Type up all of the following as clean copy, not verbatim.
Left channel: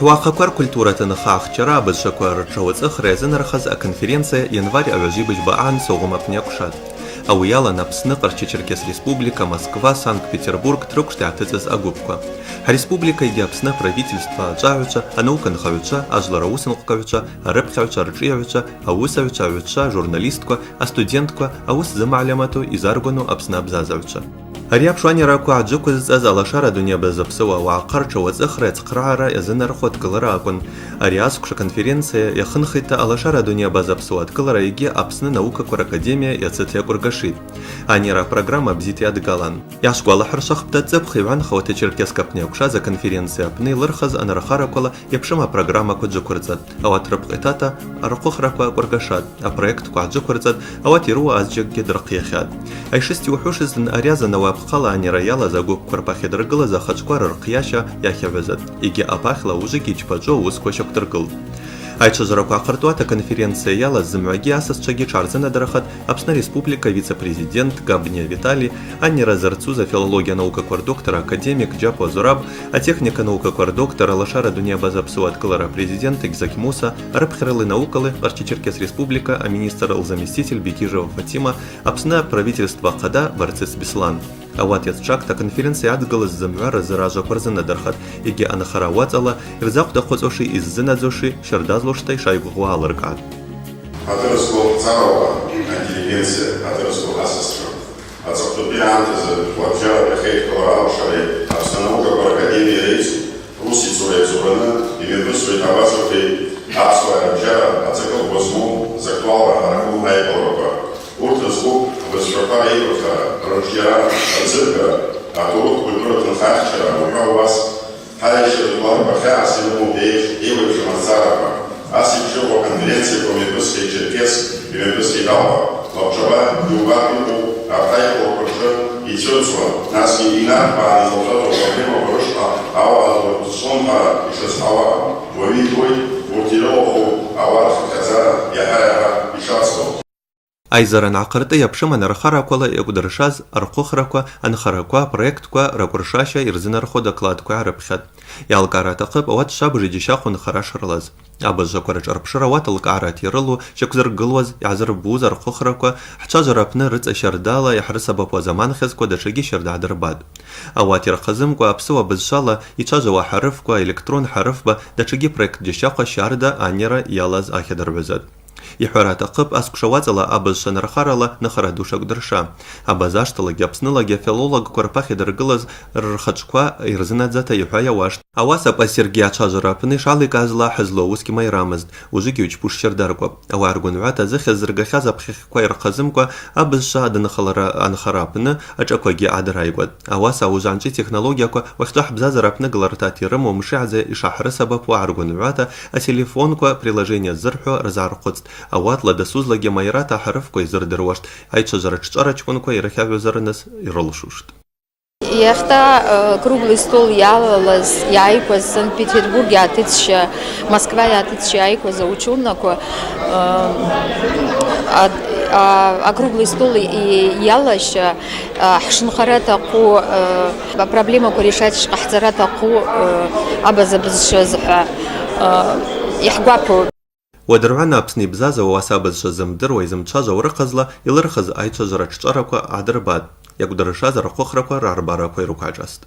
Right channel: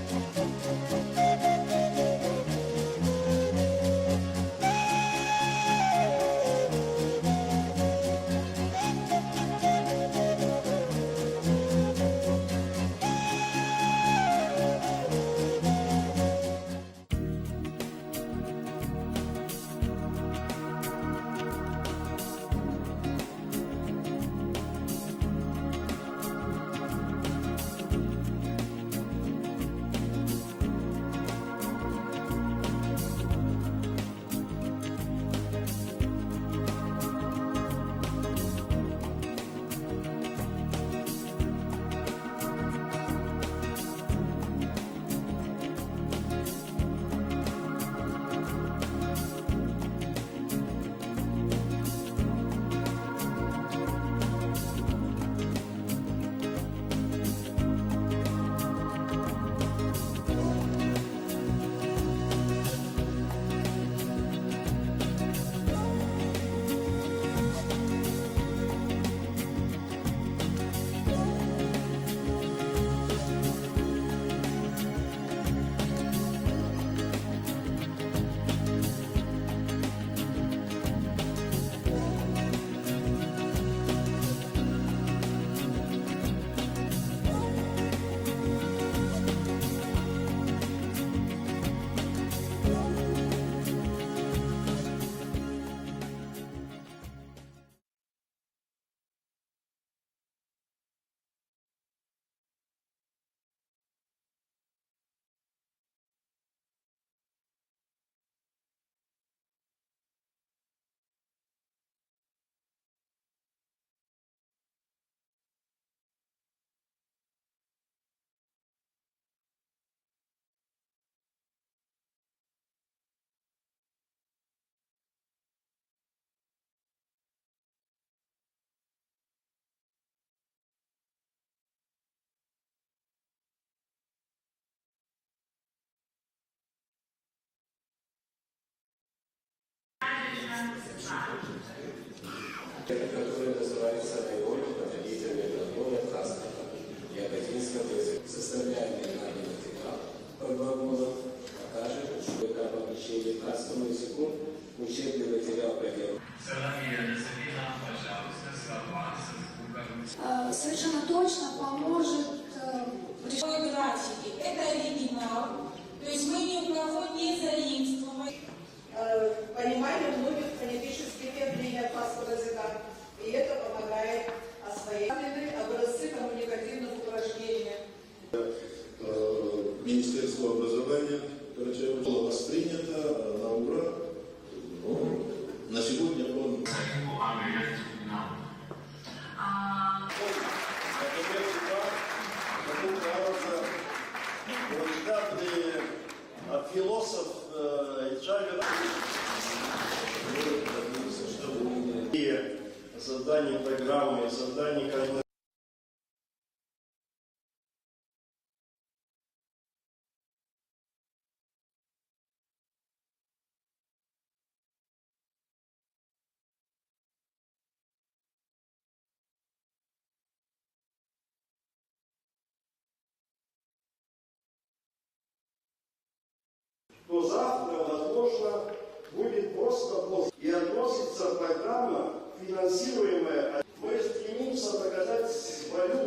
Хуахаквар культура тынахах чара бызшаквар чауцах резен рахаз а конференция январь аважибыч баан соума пнякушат. Ауяла на псны Черкес Республика, Москва, Санкт-Петербург, трукштятыцыз агубка. Республика иди псны правительства джавича, а наука нахавича, а жлараусен хукавича, а рыбхавича рычиявича, а усавича, журналистка, а студентка, а ус замалямату и заргону апсны абзазавича. Ариаб шуани раку аджукуз аз алашара дуния безапсуа ваақар чауаз ахрец қраара язын архот кылара акун. Ариаскуша конференция яхынхита алашара дуния безапсуат кылара иги апсны наука кур академия яцетя кургаши. Анира программа бзити адгалан. Яшку алахар шахбта цепхиван хавата черкеска пнякуша за конференция пны лырхаз анарахара кола япшима программа куджукурзат. Ават рабхитата архох раква кургашад. А проект куджукурзат ават иру азджак гидракияхад. Айшисти ухушиз ариаза наваб خلا نيريالا زاغوب كرباخي درغلا за хачквар рқияша яхявезат. Иги апахла ужики чпаджо ускошак дыргыл. Айча жараку ахартуата конференция яла зымваги асас чаги чарзена дарахат Апсна Республика вице-президент Габня Виталий, Аннира Зарцуза филология наука квардоктора академик Джапо Зураб, а техника наука квардоктора Лашара Дуния Базапсуат Калара президент Игзак Муса, Рабхралы наукалы Черкес Республика, а министр заместитель Бекижева Фатима, Апсна правительство Хада Варцис Беслан. А вот яцчакта конференция адгалась зымвара заража парзена дархат, иги анахара вацала, ирзак дахозоши из зынадзоши, шардазлоштай шайбу гуаларкат. Атырыску царова, интеллигенция, атырыску асастру. Ацаптупианты за платжара прихейт колоралшари, обстановка по академии рейс, русицу рейцурана, и медусу и тавасуки, апсуа рабжара, ацикл возьму, заклала, аракул найполока. Уртаску, высшока игруха, рожья, ацирка, а тут культура тнхахчара, у вас, хайшер, ларбаха, силу бейш, и вышмацарова. Аз по конференции по Медведский Черкес и Медведский Далва, Лапчава, Югапику, Артайку, Куржа и Тюрцва. Нас не инар, а не золотого проблема вырушла, ава сонха и шестава, вовидой, вуртилоху, ава хазара, яхаяха и шацку. Айзаран ақырты япшыма нарахара кола ягударшаз архохраква анхараква проектква ракуршаша ирзинархо докладква арабхат. Ялкара тақып ават шабжи дишахун харашырлаз. Абазжа корыч арбшырават алкара тирылу шакзар гылваз язар буз архохраква хчажарапны рыца шардала яхрысаба по заман хезко дашаги шардадырбад. Ават ирхазымква апсыва бызшала ичажава харыфква электрон харыфба дашаги проект дишаха шарда анера ялаз ахедарвезад. Ихварата қып аскшаватала абызша нархарала нахара душак дырша. Абазаштала гяпснала гефилолог корпахи дыргылаз рхачква ирзинадзата юхая вашт. Аваса па Сергей Ачажарапны шалы казла хызлоуски майрамыз. Ужики учпуш чердарква. Ава аргунвата захезргахаз апхихква ирхазымква абызша адынхалара анхарапны ачакваги адрайбад. Аваса ужанчи технологияква вахтах бзазарапны галартати рыму мшиазе и шахрысабапу аргунвата, а телефонква приложение зырху разархуц. Ават ладасузла гемайрата харфко изардырвашт, айча жараччарачконко ирахявюзарнес иролшушт. Яхта круглый стол ялалаз яйкоз Санкт-Петербург ятыча, Москва ятыча яйкоз заучурнако, а круглый стол и ялаща хшнхарата ку проблема ку решать ахзарата ку абазабзшазха яхгапу. ودرعنا أبسني بزازة وواسابز شزمدر ويزمتشاجة ورخزلا يلرخز أيتشا جراتشاركوا عدرباد يقدر شازر خوخركوا رارباركوا يروكاجاست.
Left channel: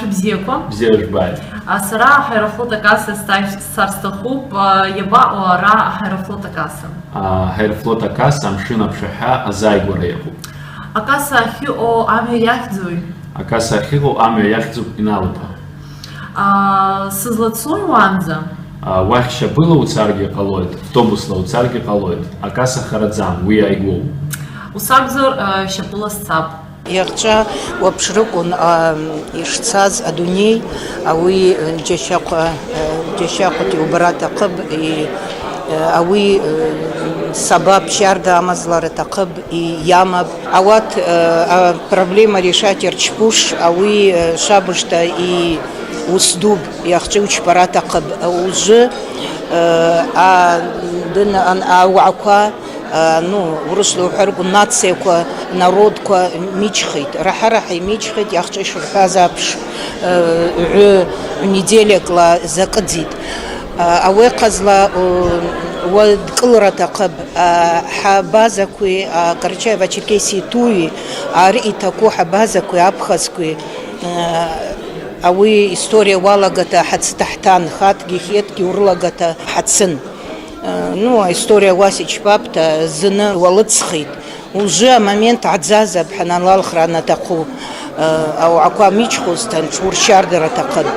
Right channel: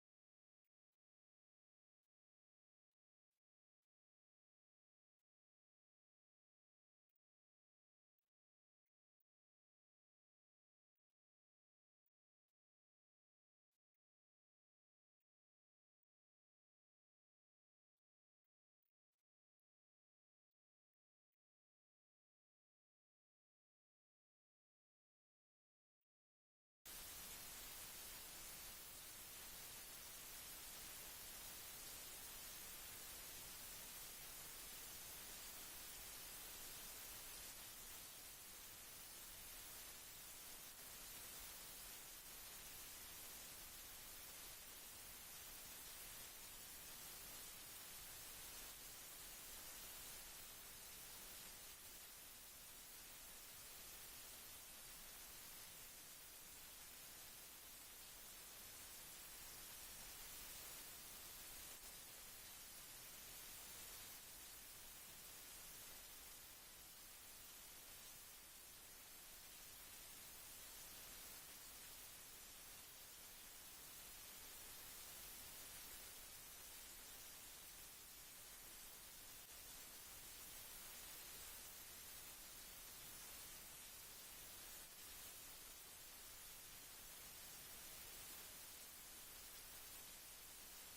شبزيكوا بزيجباد. سرا حيرفلوتا كاسة سارستخوب يبا ورا حيرفلوتا كاسة. حيرفلوتا كاسة مشينا بشحاء زايغورا يبو. أكاسة خيو أمي يحدزوي. أكاسة خيو أمي يحدزو بنالبا. سزلацуй ванза. Вахища было у царги колоид, автобусла у царги колоид, а касса харадзам, уи айгу. У сагзор щапула сцап. Яхча вапшрукун ишцаз адуней, ауи джешакути убарата қыб и ауи сабаб шарда амазлары тақыб и ямаб. Ават проблема решать ирчпуш, ауи шабышта и усдуб яхчи учпарата қыб. Уже дын ауаква урыслу ҳәргу нацияква, народква мичхит, раҳа-раҳа мичхит, яхчиш рҳазапш, неделякла закадзит. Ауе ҟазла дкылра аҭахып, ҳабазақәеи, Карачаево-Черкесиа туи, ари иҭаку ҳабазақәеи, аԥхазқәеи, ауи история уалагата ҳацҭаҳҭан, хатгьы хеҭгьы урлагата ҳацын. История уас иჩбапта, зны уалыҵхит. Уже амомент аӡазап ҳаналалхра анаҭаху, ауақәа мичхозҭан ҽуршьардара аҭахын.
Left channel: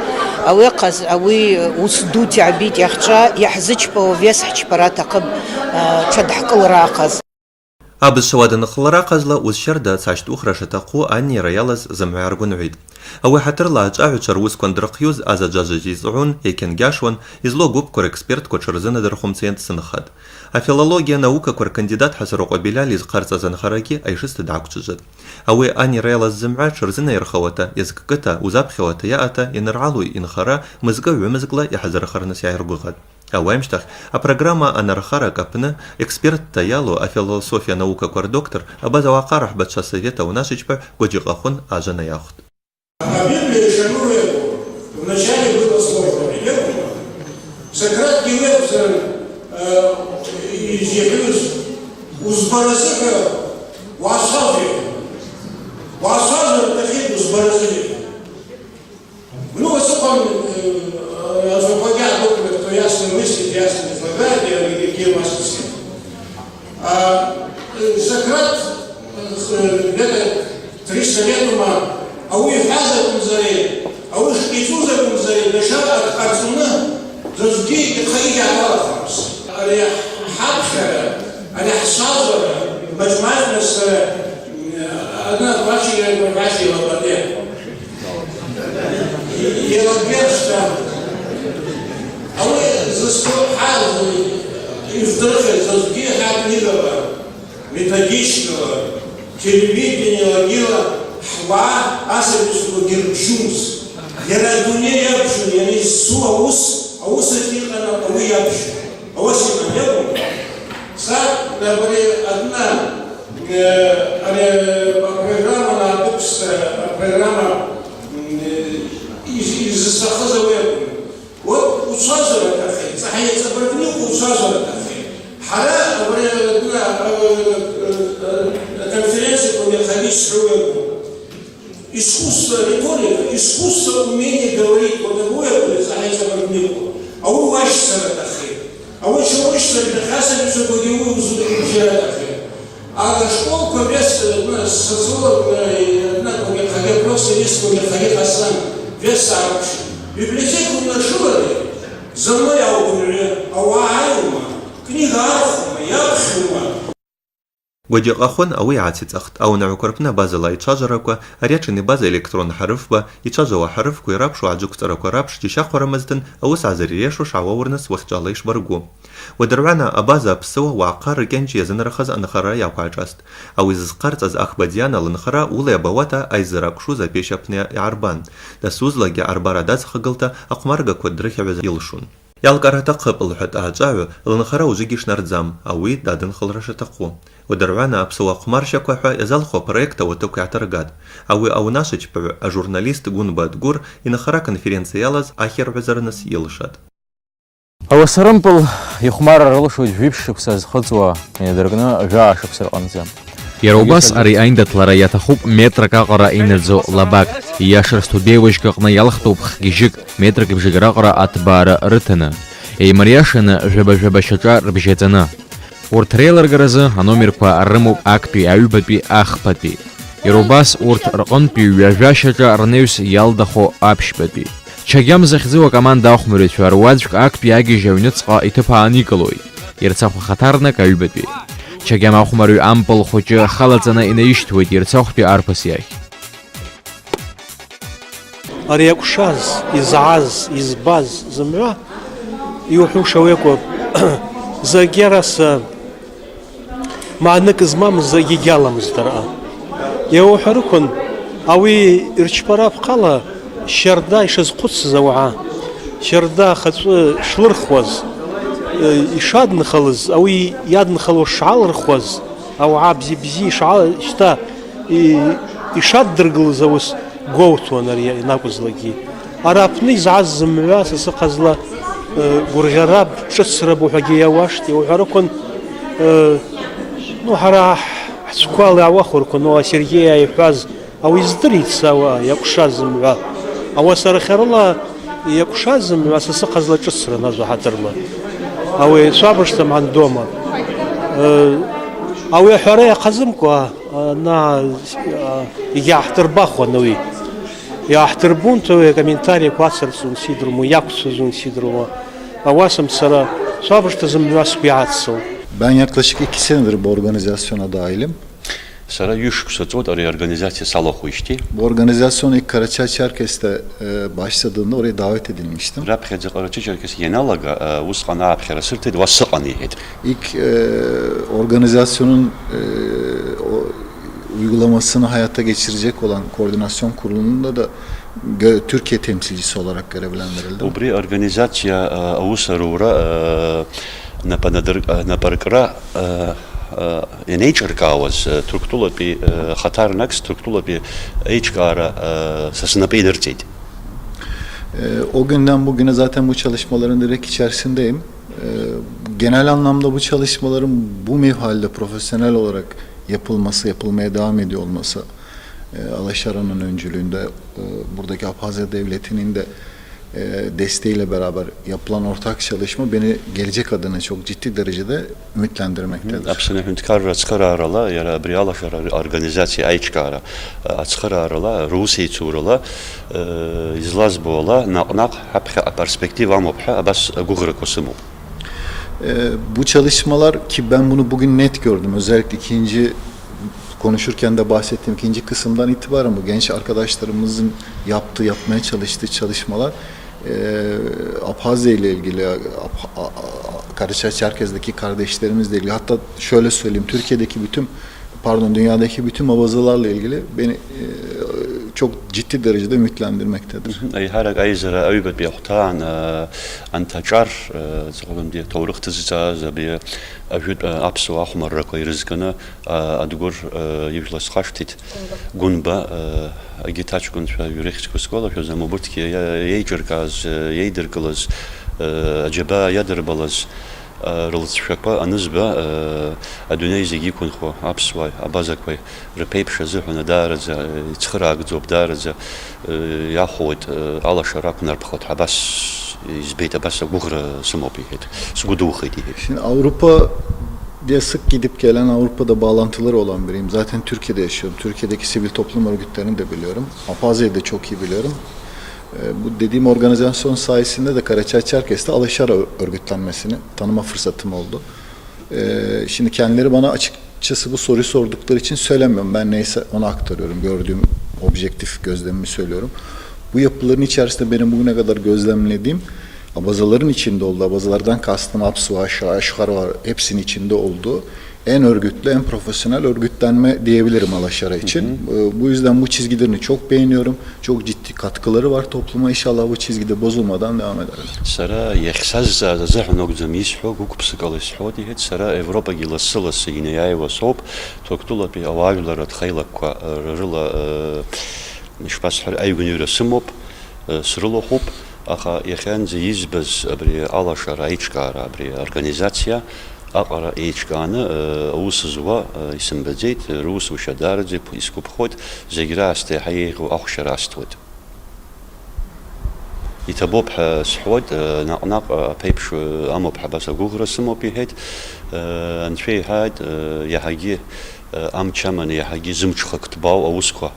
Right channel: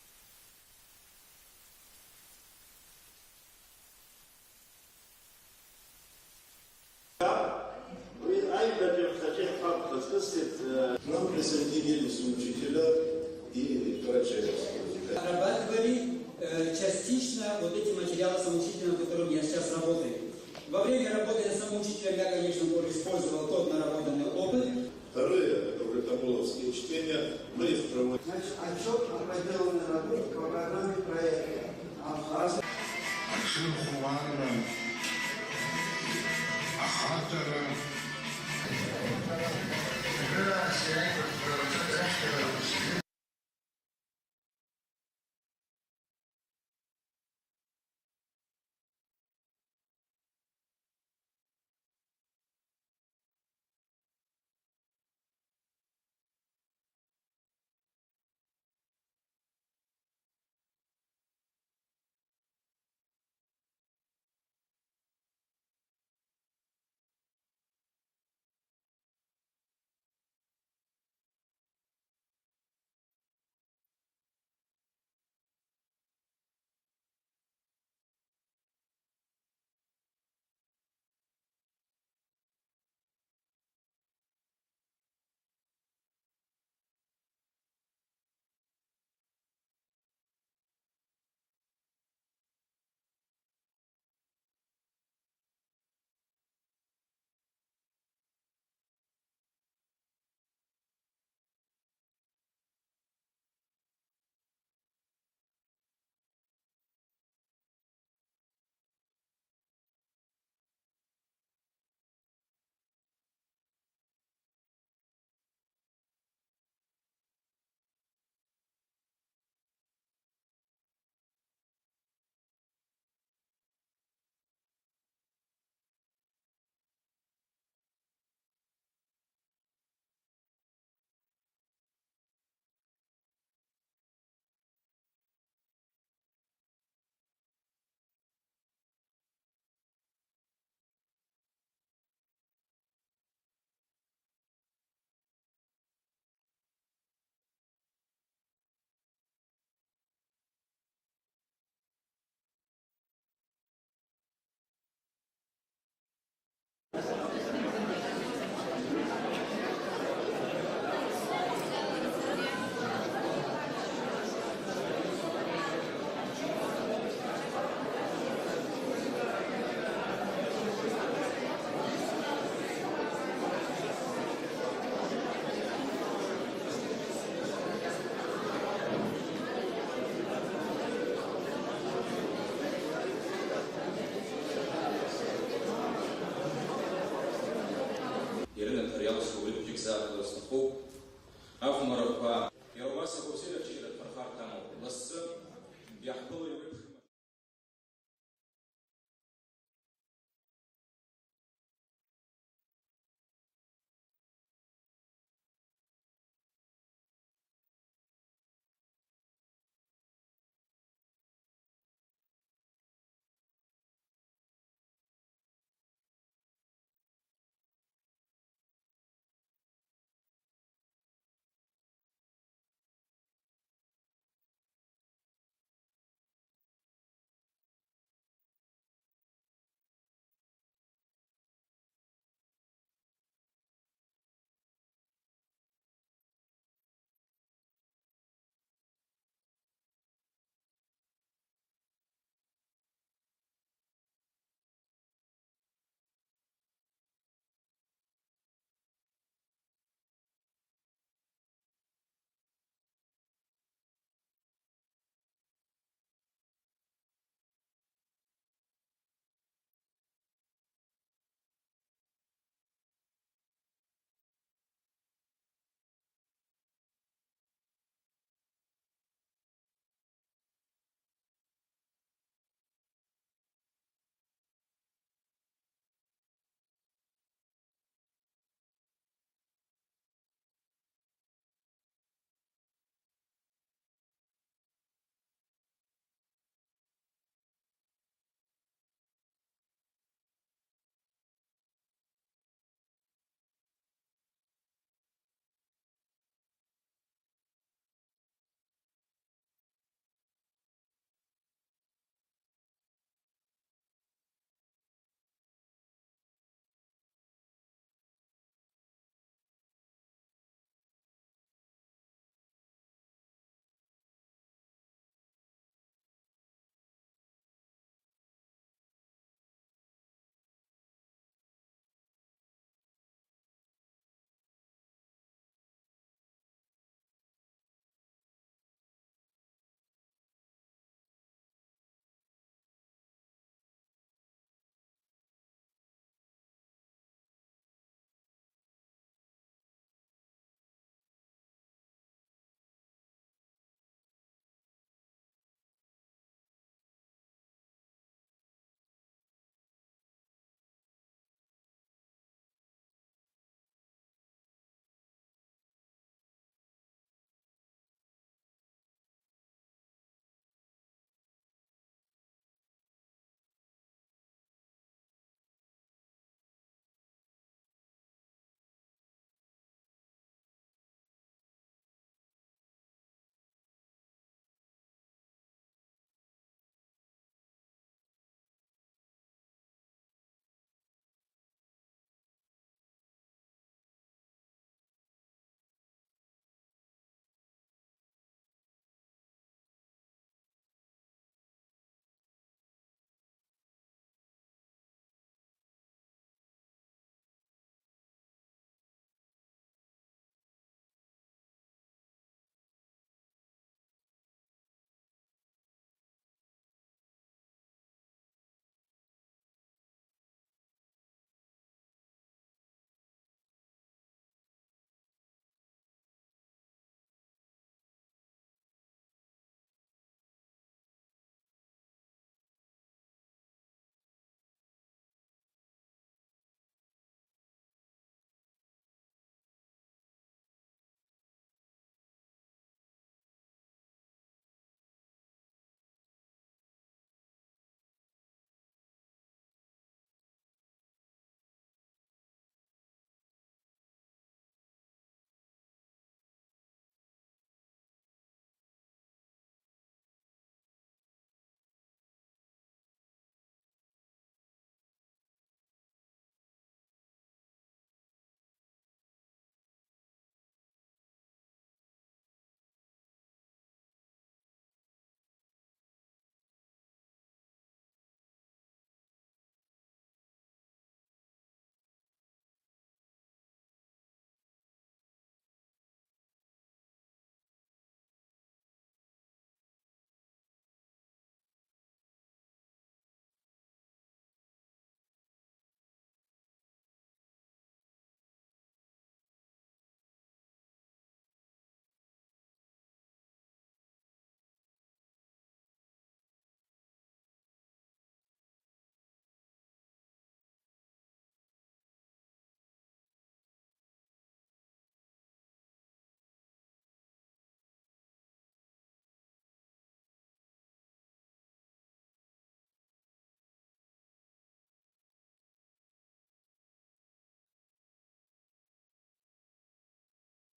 Ауи ус дуti абит иахьчӏва йахӏзычпауа вес хӏчпара аҭахып тшадхӏкӏылра аҟаз. Абыз шауаданхлара ҟазла узщарда цащтӏухра шатахъу аннира йалаз зымгӏва йаргвынгӏвитӏ. Ауи хӏатырла ачӏвагӏвчва руысква андырхъйуз азаджважважь йызцӏгӏун, йкьангьашуан, йызло гвыпква рекспертқва тшырзынадырхвымцйан дсынхатӏ. Афилология наукаква ркандидат Хӏасарокъва Беляль йызхъарцӏаз анхарагьи айшыста дгӏаквчӏвыжватӏ. Ауи аннира йалаз зымгӏва тшырзынайырхауата, йазкӏкӏыта, узапхьауата йаъата йаныргӏалу йынхара мызкӏы гӏвымызкӏла йхӏазырхарныс йгӏайыргвыгъатӏ. Ауи амщтахь апрограмма анархарак апны экспертта йалу афилософия наукаква рдоктор Абаза Уакъа рахӏбатша совета унашичпа Гваджикъахвын ажва найахвтӏ. Библия шанует, вначале было слово. Сократ Гелевза изъявилась узбаразыка уасави. Уасави тахит узбаразыка. Высоком освободят около, кто ясно мыслит, ясно излагает, и какие маски. Сократ где-то 300 лет ума, ауи хазакун заре, ауи шкицузакун заре, дешара арцуна, зазги тхаиги алафамс. Али хабхара, али хсазара, мажмажнас, одна двачи лабаде. Елагершта, ауи застой хазы, и вдруг зазги хабнигова, методичного, телевидения лагила, хва асабиску герчумс. Ярадуне ябшу, яни су аус атихана, ауи ябшу. Ауси маньягу. Сад, например, одна программа на бокс, программа из Сахазовой. Вот у Сазора кафе, Сахая Цабаркнику у Сазора кафе. Хара, например, конференции по механическому искусство риторика, искусство умения говорить вот такое, Сахая Цабаркнику. А у Вашица кафе. А вот еще Вашица Бехасами, что подивую узуры кафе. А на школку вес социолог, хотя просто вес Михаил Хасан, вес Сарабши. Библиотеку нашла, за мной аукули, ауааюма, книга архума, япшума. Гваджикъахвын ауи йгӏацицӏахтӏ, аунагӏваква базала йчважвараква, арячӏвын база электрон хӏарыфква, йчважвауа хӏарыфква йрапшу аджвыквцӏараква рапш дищахварамызтын ауыс гӏазырйешуш гӏауаурныс уахьчӏвала йшбаргу. Уадыргӏвана абаза апсыуа Уакъа ркӏьанчӏ йазынархаз анхара йаквгӏашӏастӏ. Ауи зызхъарцӏаз Ахбадиана лынхара ула йабауата айззаракӏвшуз апещ апны йгӏарбан. Дасузлагьи арбара дадзхыгылта акъвмаргаква дрыхьыгӏвыз йылшун. Йалкӏара атахъыпӏ лхӏватӏ агӏачӏвагӏва лынхара ужвыгьи йшнардзам, ауи дадынхылра шатахъу. Уадыргӏвана апсыуа хъвмарщаква йазалхуа проекта уатыкв йгӏатыргатӏ. Ауи аунашвачпагӏв ажурналист Гунба Дгур йынхара конференция йалаз ахьыргӏвазарныс йылшатӏ. Ауасарымпыл йхъвмарра рылшуит жвипшшықвса зхыцуа йнадыркӏны жваъашықвса рҟынтӏа. Иара убас ари аиндаҭлара иаҭахуп метрак аҟара инаӡо лабак, ииашара студиеиуажьк аҟны иалхтәуп хгьежьык, метрак ибжьык раҟара аҭбаара рыҭаны, еимариашаны жәаба-жәаба шьаҿа рыбжьаҵаны. Урҭ реилыргаразы аномерқәа рымоуп актәи, аҩбатәи, ахԥатәи. Иара убас урҭ рҟынтәи ҩажәа шьаҿа рнеҩс иалдахо аԥшьбатәи. Чагьам захьӡу акоманда ахәмарҩцәа руаӡәк актәи агьежь аҩныҵҟа иҭыԥ ааникылоит, ирцахә ахаҭарнак аҩбатәи. Чагьам ахәмарҩ ампыл хәыҷы халаҵаны инаишьҭуеит ирцахәтәи арԥыс иахь. Ари иакәшаз, изааз, избаз зымҩа иуҳәуша ауеикәоуп. Загьараса маанык змамыз егьаламызт ара. Иауҳәарықәын ауи ирчпара апҟала шьарда ишазхәыцыз ауаа, шьарда ахаҵәы шлырхуаз, ишаднхалыз, ауи иаднхало шалырхуаз, ауаа бзи шта ишаддыргылыз аус гәоуҭуан ари ианакәызлагьы. Ара аԥны изааз зымҩа сасыҟазла гәырӷьара ҿыцра ҳәагьы иауашт, иуҳәарақәан ҳара ҳцәқәа иаауахәырқәан, Сергеи иҳәаз ауи издырит ауаа иакәшаз зымҩа. Ауасарахьарыла иакәшаз зымҩа сасыҟазла ҿыцран ажәаҳаҭырла. Ауи шәабышҭа мандома. Ауи аҳәара иахазымкәа егьааҳҭырбахуан уи. Иааҳҭырбун комментариақәа ацырҵон сидрумо, иақәцәазон сидрумо. Ауасам сара шәабышҭа зымҩа сгәы иааццон. Ben yaklaşık 2 senedir bu organizasyona dahilim. Sara yuşksatot araya organizasyon salohuşti. Bu organizasyon ilk Karaçay-Çerkes'te başladığında oraya davet edilmiştim. Rapxedze Karaçay-Çerkes yenalaga usqana apxera sırtı vasıqaniyet. İlk organizasyonun uygulamasını hayata geçirecek olan koordinasyon kurulunda da Türkiye temsilcisi olarak görevlendirildim. Ubri organizasya avusarura naparkra Eneyçarkavaz Türktula bir Hatarnak Türktula bir Eyçkara sasına belirtiydi. O günden bugüne zaten bu çalışmaların direkt içerisindeyim. Genel anlamda bu çalışmaların bu mevhalde profesyonel olarak yapılmaya devam ediyor olması, Alaşara'nın öncülüğünde buradaki Abhazya Devleti'nin de desteğiyle beraber yapılan ortak çalışma beni gelecek adına çok ciddi derecede ümitlendirmektedir. Apsına hüntkar açkararala ya bir Alaşara organizasya Eyçkara açkararala Rusya turala izlazbola naqnaq hapha perspektiv amopha abas guğrıkosumu. Bu çalışmalar ki ben bunu bugün net gördüm. Özellikle konuşurken de bahsettiğim ikinci kısımdan itibaren bu genç arkadaşlarımızın yapmaya çalıştığı çalışmalar Abhazya ile ilgili, Karaçay-Çerkez'deki kardeşlerimizle ilgili, hatta şöyle söyleyeyim, dünyadaki bütün abazalarla ilgili beni çok ciddi derecede ümitlendirmektedir. Her ayzara aybet bir hatan antacar zalım diye tavırıktızca bir ajut apsu ahmar rakoy rızkını adugur yevlas xashtit gunba agitaç gun yürek skola şözem burtki yeycerkaz yeydirkılız acaba yadırbalız рылцәшәқәа анызба адунеи зегьы иқәынхо аԥсуаа абазақәа рԥеиԥшазыҳәаны даараӡа ицхыраагӡоуп, даараӡа иахәоит алашара ақәнарԥхоит, абас избеит, абас агәыӷра сымоуп иҳәеит, сгәы духеит иҳәеит. Şimdi Avrupa diye sık gidip gelen, Avrupa'da bağlantıları olan biriyim. Zaten Türkiye'de yaşıyorum. Türkiye'deki sivil toplum örgütlerini de biliyorum. Abhazya'yı da çok iyi biliyorum. Bu dediğim organizasyon sayesinde de Karaçay-Çerkes'te Alaşara örgütlenmesini tanıma fırsatım oldu. Şimdi kendileri bana açıkçası bu soruyu sordukları için söylemiyorum. Ben neyse onu aktarıyorum. Gördüğüm objektif gözlemimi söylüyorum. Bu yapıların içerisinde benim bugüne kadar gözlemlediğim abazaların içinde olduğu, abazalardan kastım Apsu, Aşkar var, hepsinin içinde olduğu en örgütlü, en profesyonel örgütlenme diyebilirim Alaşara için. Bu yüzden bu çizgilerini çok beğeniyorum. Çok ciddi katkıları var topluma. İnşallah bu çizgide bozulmadan devam eder. Sara yexsaz zahnog zamisho gukpsikalis dihet sara Avrupa gilasılas yineyayva sop toktula bi avaylara txaylakwa rıla nişpashar aygünüre simop sırılo hop axa yaxan zizbaz abri Alaşara Eyçkara abri organizasya Aqara Eyçkanı usuzva isim bedzet Rus uşadarzi iskupxot zegraste hayğu axşarastvot. İtabop sxod naqnaq peypş amop habasa guğrasım opihet anfey had yahagi amçaman yahagi zımçxaktbav avuskwa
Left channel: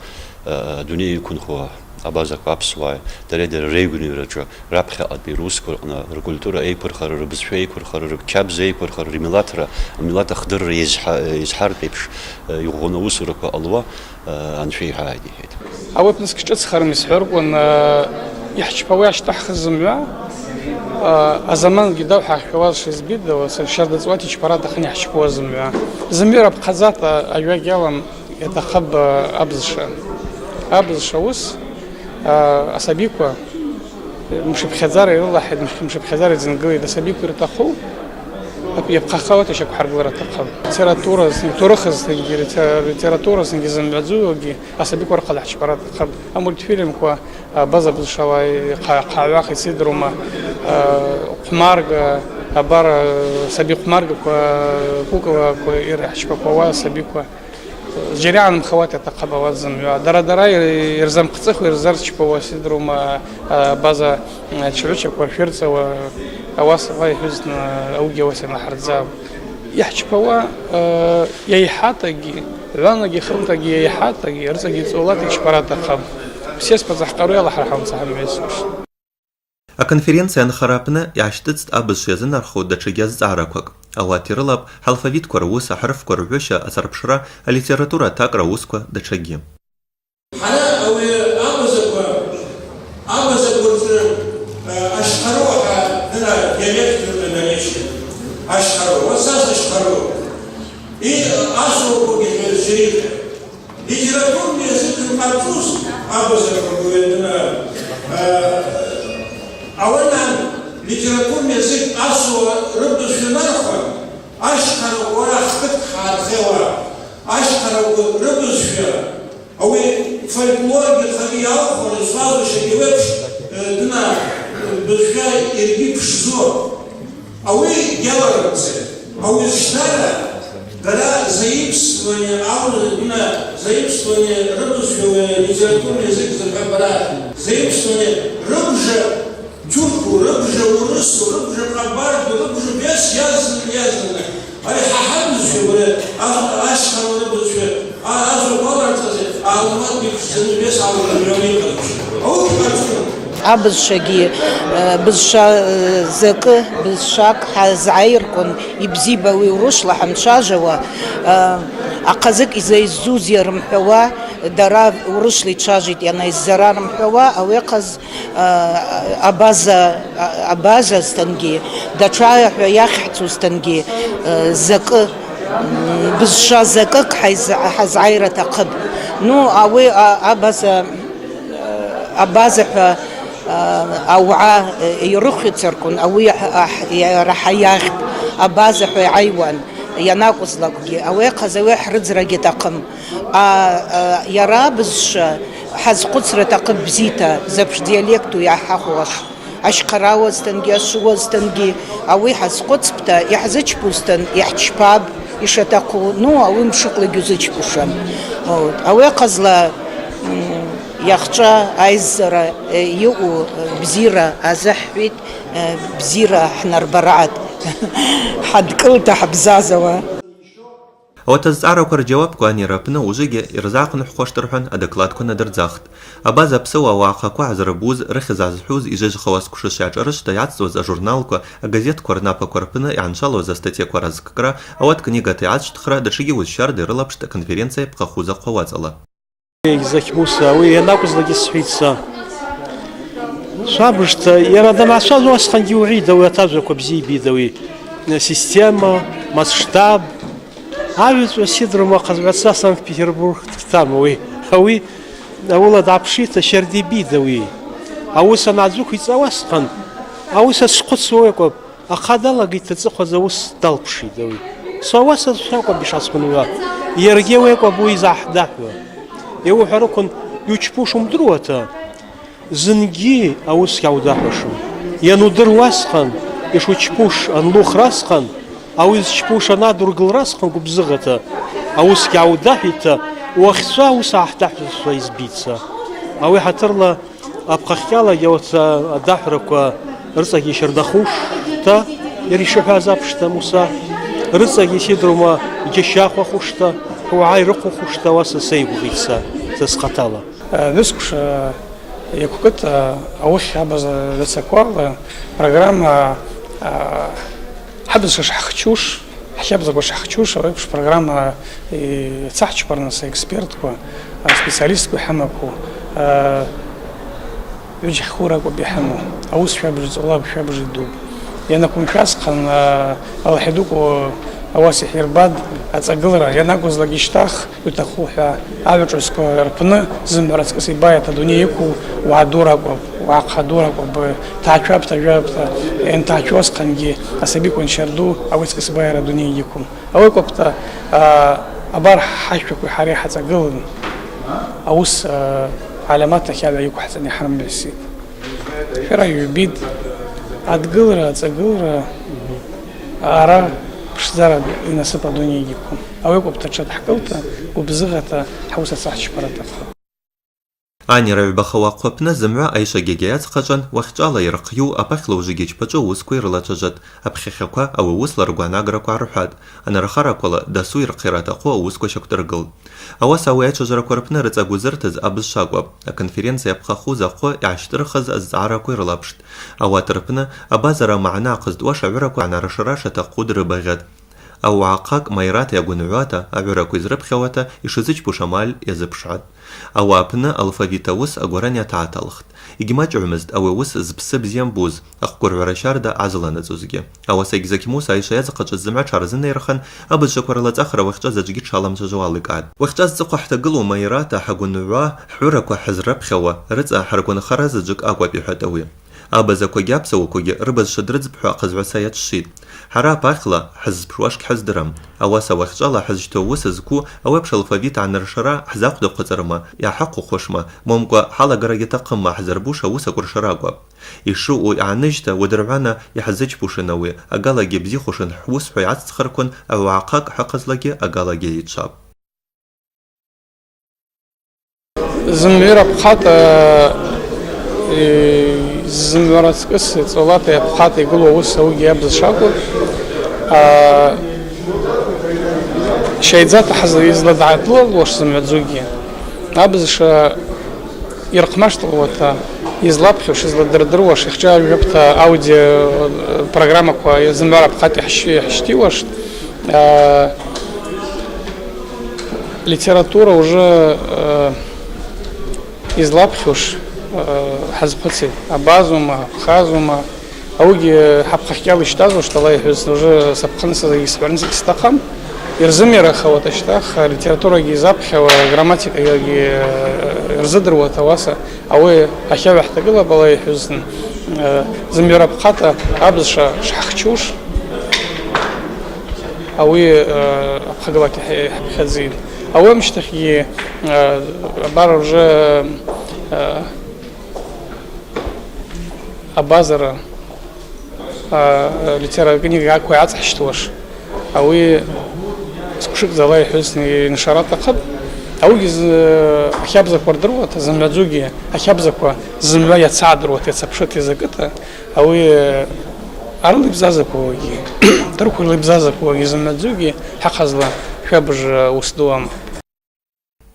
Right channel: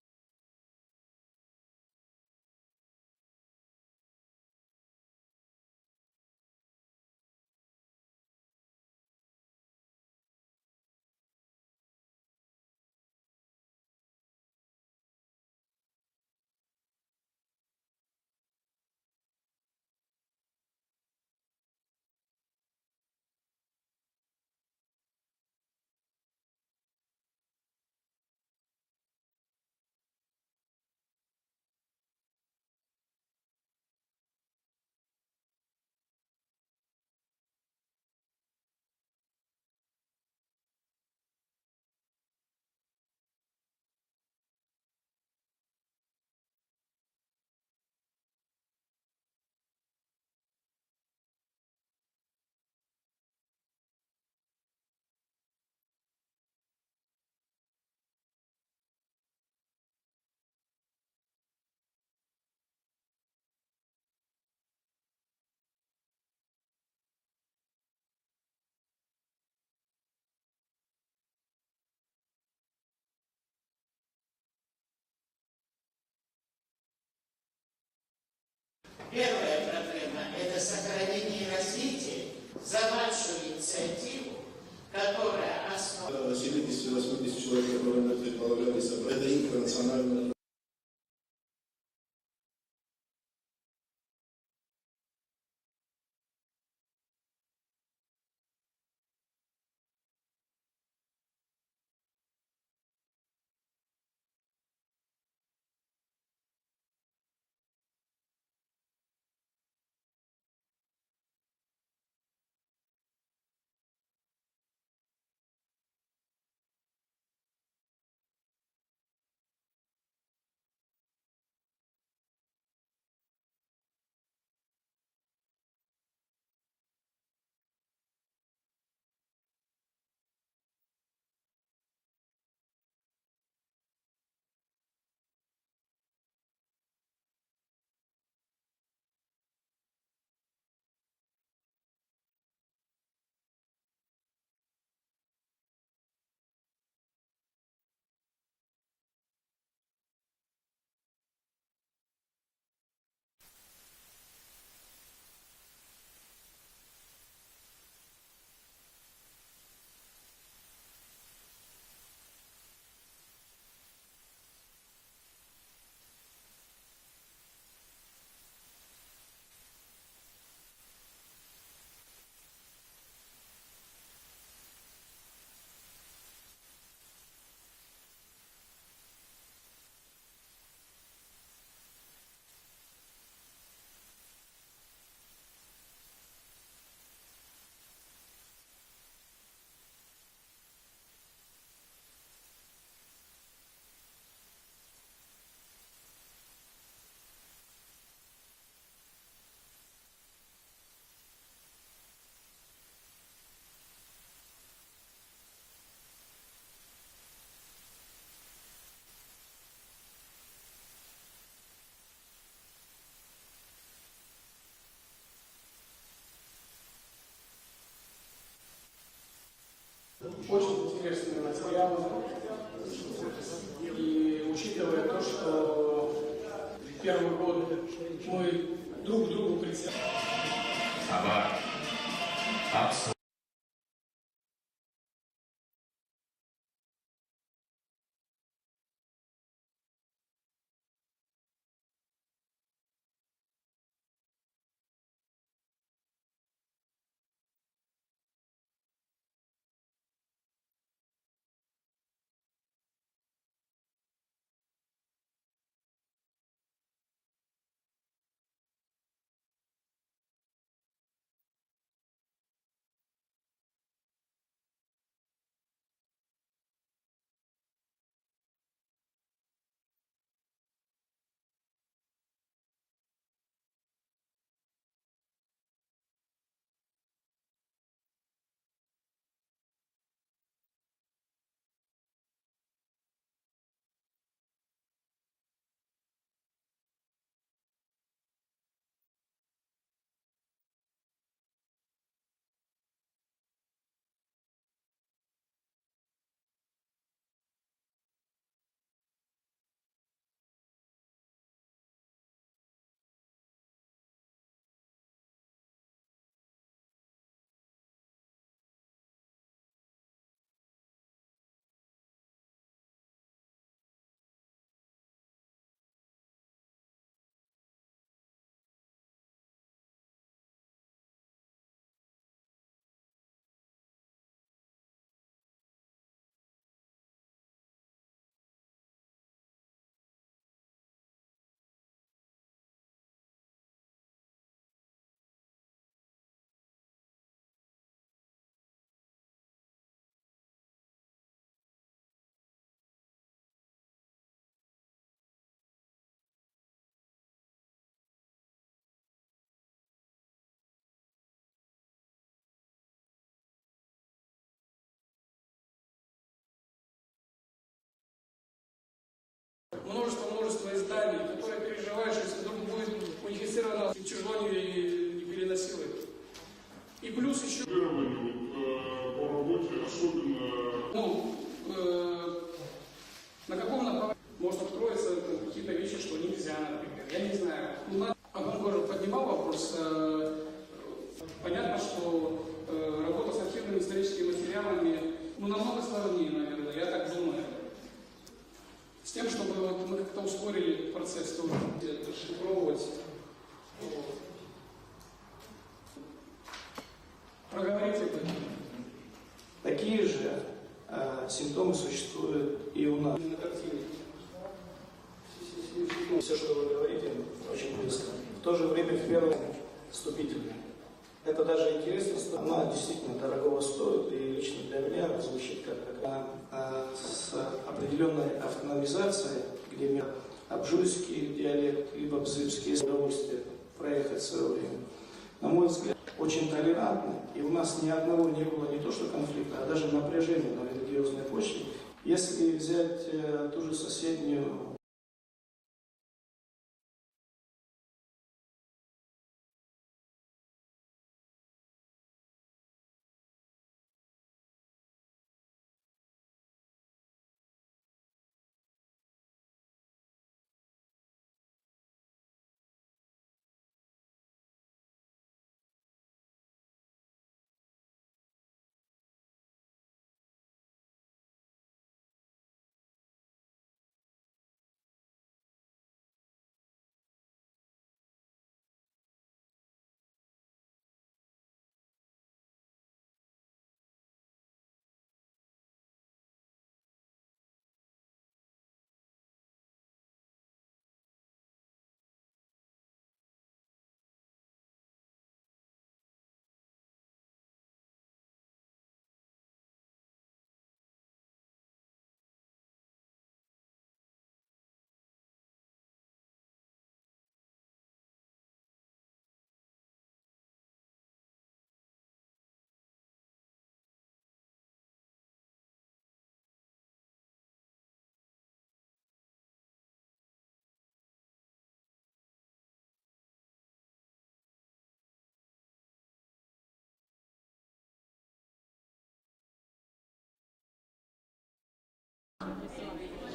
dünya kunxwa abazak apsvay derede reguniraca rapxe adbi rusko na kultura eyper xarar bizfe eyper xarar kabz eyper xarar milatra milata xdir izhar pepş yuğuna usurqa alwa anfey hadi het awep nskchats kharmis xurqun يحشبواش تحخزم يا زمان قداو حكواش زبيد وشرد زواتي شبارات خني حشبوا زميا زميرة بقزات أيوة جالم يتخب أبز شوس أسابيكوا مش بخزاري والله مش بخزاري زنقوي ده سابيكوا يرتاحوا يبقى خوات شكو حرب ورا تقب ليتراتورا تورخز ليتراتورا سنجزم بعزوجي أسبيك ورقة الحشبرات تقب أمول فيلم كوا بزا بالشواي قاعواق يصيدروا ما قمارق أبار سبيق قمارق كوا يرح شبكوا سبيق جريان خواتي تقب وزم درا يرزم قصخ ويرزر شبكوا سيدروا ما بزا تشعوش كوالفيرتس أواصل غاي حزن أوجي وسنا حرزاب يحشبوا يحاتجي لانجي خلطجي يحاتجي رزقي صولاتي شبرات تقب بسيس بزحقروا يلا حرحون صاحب ميسوش А конференция нхарапна яштыц абызшезын архуда чыгез заракок. Алатирылап алфавит корвус ахрф корвёша асарпшра а литература так раусква дачаги. Литературный язык француз أولاً ليتراتورный язык أسوأ ربط شنارخوا أشهر ولا خط خارخوا أشهر ربط شيا أو فولكلور بتخلي أخو الصاد شجوبش دنا بخير يرجيب شزور أو جالرمز أو الشنارة دلا заимствование أو دنا заимствование ربط شيا ليتراتورный язык زبالة заимствование ربط تركوا ربجة ورسوا ربجة قبارد وربجة بيس يازن أي ححمز ولا أشهر وربجة أزر قدر تزي أعلمات بيكسن بيس على اليومين أو كارفون أبزشجي بزشا زك بزشاك حزعيركن يبزيبا ويروش لحم شاجوا أقزك إذا يزوز يرمحوا دارا ورش لي تشاجيت يعني الزرار محوا أو يقز أبازا استنجي دترايح وياخذ استنجي زك بزشا زكك حزعيرة تقب نو أوي أبازا أوعى يرخي تركن أوي راح ياخذ أبازا عيوان يناقص لقي أو يقزوي حرز رجي تقم يرى بزش حز قصرة تقب بزيتا زبش ديالكتو يا حخوش أشقراوة استنجي أشوة استنجي أو يحز قصبتا يحزج بوستن يحتشباب يشتاقو نو أو يمشق لجوزج بوشم أو يقزلا يخشى عايزرة يو بزيرة أزحفت بزيرة حنا ربرعت حد كلتا حبزازوا وتزعروا جواب كواني رابنا وجيجي إرزاق نحقوش ترحن أدكلات كنا درزاخت أبازا بسوا واقاكو عزربوز رخز عزحوز إجاج خواس كشش يعجرش تيعتسو за журналку газет кварнапа корпына яншало за статья кваразккра ават книга тиач тхра дашиги узшар дырылапшта конференция пхахуза хвазала. Захмуса, вы накузлаги свица. Шабышта, я рада на шазу асхандиури, да вы также кобзи бидови. Система, масштаб. А ведь Сидорова казваться Санкт-Петербург там вы. А вы аула дапшита шерди бидови. А вы санадзух и цавасхан. А вы сашқуцуеко. А хадала гита цохозаус талпши дови. Саваса сако бишасхунуа. Ергевеко буи захдахва. يو حركن يوشبوشم دروتا زنجي أوس يوداحوشم ينودر واسخن يشوشبوش أنلوخ راسخن أو يشبوش أنادر قل راسخن قبزغتا أوس يوداحيتا وخصا أوس أحتاحوس ويزبيتسا أو يحترلا أبقى خيالا يوتا أداحرك رزق يشردخوش تا يريشوها زابشتا موسى رزق يسيدرما يجشاخوا خوشتا هو عايرقو خوشتا واسا سيبو غيسا تسقطالا نسكش يكوكت أوش حبز لسكوا программа حبز شحخشوش حبز شحخشوش أو يكش программа تحش برناس إكسبيرتكوا специалистكوا حمكوا يجي خوركوا بيحمو أوس حبز الله بحبز الدوب يعني كون كاسقن الله حدوكوا ауаса иҳирбад аҵагылара ианакәызлак ишьҭах иҭаху ҳәа ажәаҿыцқәа рԥны зымҩа раҵкыс ибааит адунеи иқәу уаа дур акәым, уааҟха дур акәым, бҭаацәаԥҭа жәаԥҭа ианҭаацәоусҟангьы асабикәа ншьарду ауаҵкыс ибааир адунеи иқәым. Ауи акәыԥта абар ҳашәақәеи ҳареи ҳаҵагылан аус алиамат ахь ала иқәҳҵан иҳармҩасит. Шәара ҩбит адгылара, аҵагылара ара ԥшӡара инасыԥ адунеи иқәым. Ауи акәыԥта ҽадҳкылта, гәыбзыӷата ҳаус ацаҳчпара аҭахуп. Анира ҩбаха аҟәаԥны зымҩа аишагьагьы иаҵхаҿан, уахьҿала ирхиу аԥахьла ужыгьычпаҿы аусқәа ирылацәажәат, аԥхьахьақәа ауи аусла ргәаанаграқәа аарҳәат, анархарақәала дасу ирхиара аҭаху аусқәа шьақәдыргылт. Ауаса ауи аиҿажарақәа рпны рыҵагәы зырҭаз абыз шакәуп, аконференциа иаԥхахуз ахәы иаашьҭырхыз азҵаарақәа ирылаԥшт. Ауат рпны абазара маана аахызтуа шаҩырақәа анарашара шаҭаху дрыбаӷьат. Ауаахак Майрат иагәыныҩуата, аҩырақәа изрыԥхьауата, ишазыҷбуш амаль иазыԥшаат. Ауаа апны алфавит аус агәаран иаҭааҭалхт. Егьмаҷҩымызт ауи аус зԥсы бзиа мбуз, ахәқәырҳәара шьарда азаланаҵозгьы. Ауаса егьзақьмус аиша иаҵаҟаҿыз зымҩа ҽаарзынаирхан, абызшақәа рылаҵахара уахьҿаз аҿгьы дшаламцәажәо аликааит. Уахьҿаз ҵыхәа ҳҭагылоу Майрата ҳагәыныҩуа ҳҳәырақәа ҳазрыԥхьауа рыҵа ҳаргәанхара заҵәык акәуп иҳәат ауи. Абазақәагьы аԥсуақәагьы рыбызшәа дрыӡбҳәо аҟазҳәаса иаҿшит. Ҳара апахьла ҳаззԥшуашгьы ҳаздырам. Ауаса уахьҿала ҳазшьҭоу аус зку ауеиԥш алфавит аанаршара ҳзақәдаҟәыҵырма, иааҳақәыхәашма, момкәа ҳалагарагьы аҭахымма ҳзырбуша аус акәыршара акәуп. Ишыҟоу иааныжьта уадырҳәана иҳзыҷбушан ауи, агалагьы бзихәашан ҳус ҳәа иацҵхырқәан, ауаахак ҳыҟазлагьы агалагьы еиҿап. Зымҩа раԥхата зымҩа раҵкыс ҵаулата иаԥхата игылоу аус ауигьы иабз шакәу шьаиӡата изладаатлылуаш зымҩаӡугьы абзша ирҟмашҭлуата излаԥхьош, изладырдыруаш, ихҿажәаԥҭа аудио программақәа зымҩа раԥхата иҳшьҭиуашт. Литература уже излаԥхьош ҳазхәыцит, абазума, аԥхазума, ауигьы ҳаԥхахьала ишьҭазуашт ала иҳәаз уже саԥхынса исҳәарц исҭахым. Ирзымирахауа ашьҭах алитературагьы изаԥхьауа, грамматикагьы ирзыдыруа ауаса ауи ахьаҩ ҳҭагылап ала иҳәаз зымҩа раԥхата абзша шҳахьчуш ауи аԥхагалак иҳԥхьаӡеит. Ауи амшьҭахьгьы абар уже абазара литература акәу иаҵҳшьҭуаш ауи зқәшықәӡа ала иҳәаз иншара аҭахуп. Ауигьы ахьабзақәа рдыруата, зымҩаӡугьы ахьабзақәа зымҩа иацаадыруата, иацаԥшыта, изакыта ауи арылибзазақәагьы, дырқәа ирлибзазақәагьы зымҩаӡугьы ҳаҟазла шәабыж ус ду амоуп.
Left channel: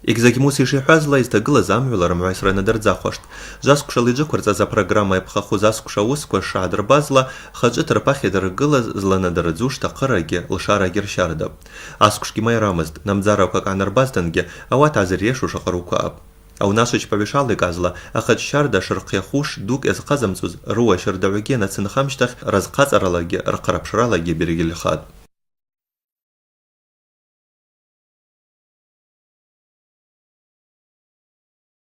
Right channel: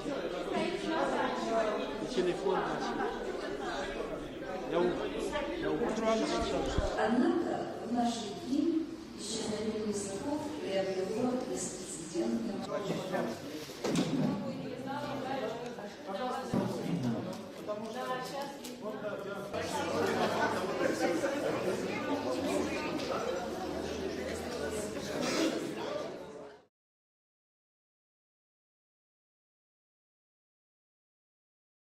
Егьзақьмус ишиҳәазла изҭагылаз амҩала рымҩасра надырӡахуашт. Жазкәшала иџықәырҵаз апрограмма иаԥхахуз аскәша аусқәа шаадырбазла, хаҿыҭ рԥахь идыргылаз зланадырӡу шҭахырагьы лшарагьы ршьардап. Аскәшгьы маирамызт, намӡарақәак аанарбазҭангьы ауат азыриешо шаҟа рукәаап. Аунашыҷ-ԥабишала иказла, ахаҿ шьарда шырхиахуш дук иазҟазамҵоз руа шьырдаҩгьы анацынхамшьҭахь разҟаҵаралагьы рхараԥшралагьы бергьыльхат.